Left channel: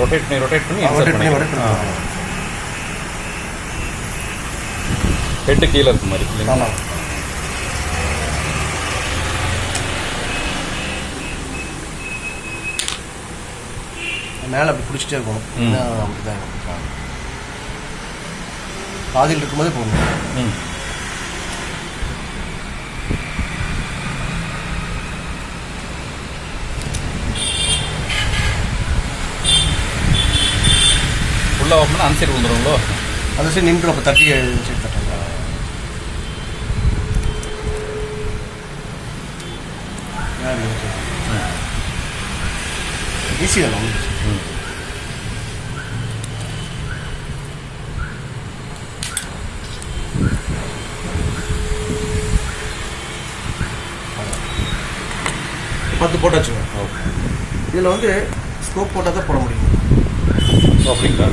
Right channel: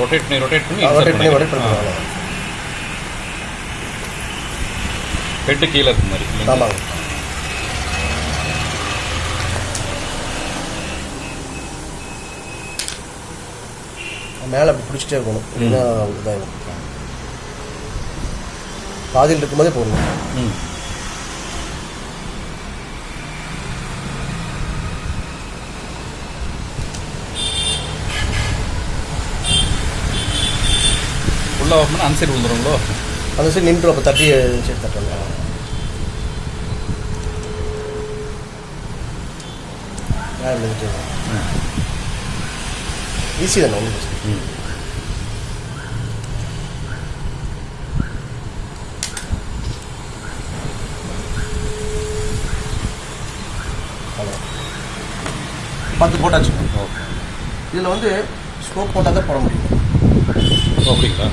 Rotate பண்ணி rotate பண்ணி head கீழே இருக்க மாதிரி இல்லைங்களா? மேலே அப்படி பிடிச்சிட்டே இருக்கணும். இதாக இருக்கும். பாதியில் இருக்கும்போதே போடணும். ஃபுல்லாக ஓப்பன் அந்த சைடு வந்துடுங்களோ? அந்த சைடு நின்று அப்போ தட்டி சைடு தட்டுறாங்க. ஈஸி தானே உங்களுக்கு? பத்து போட்டாச்சு. ஓகே. இதில் வந்து ஸ்கோப் போட்டால் தான் போட முடியும். அப்படிங்களா?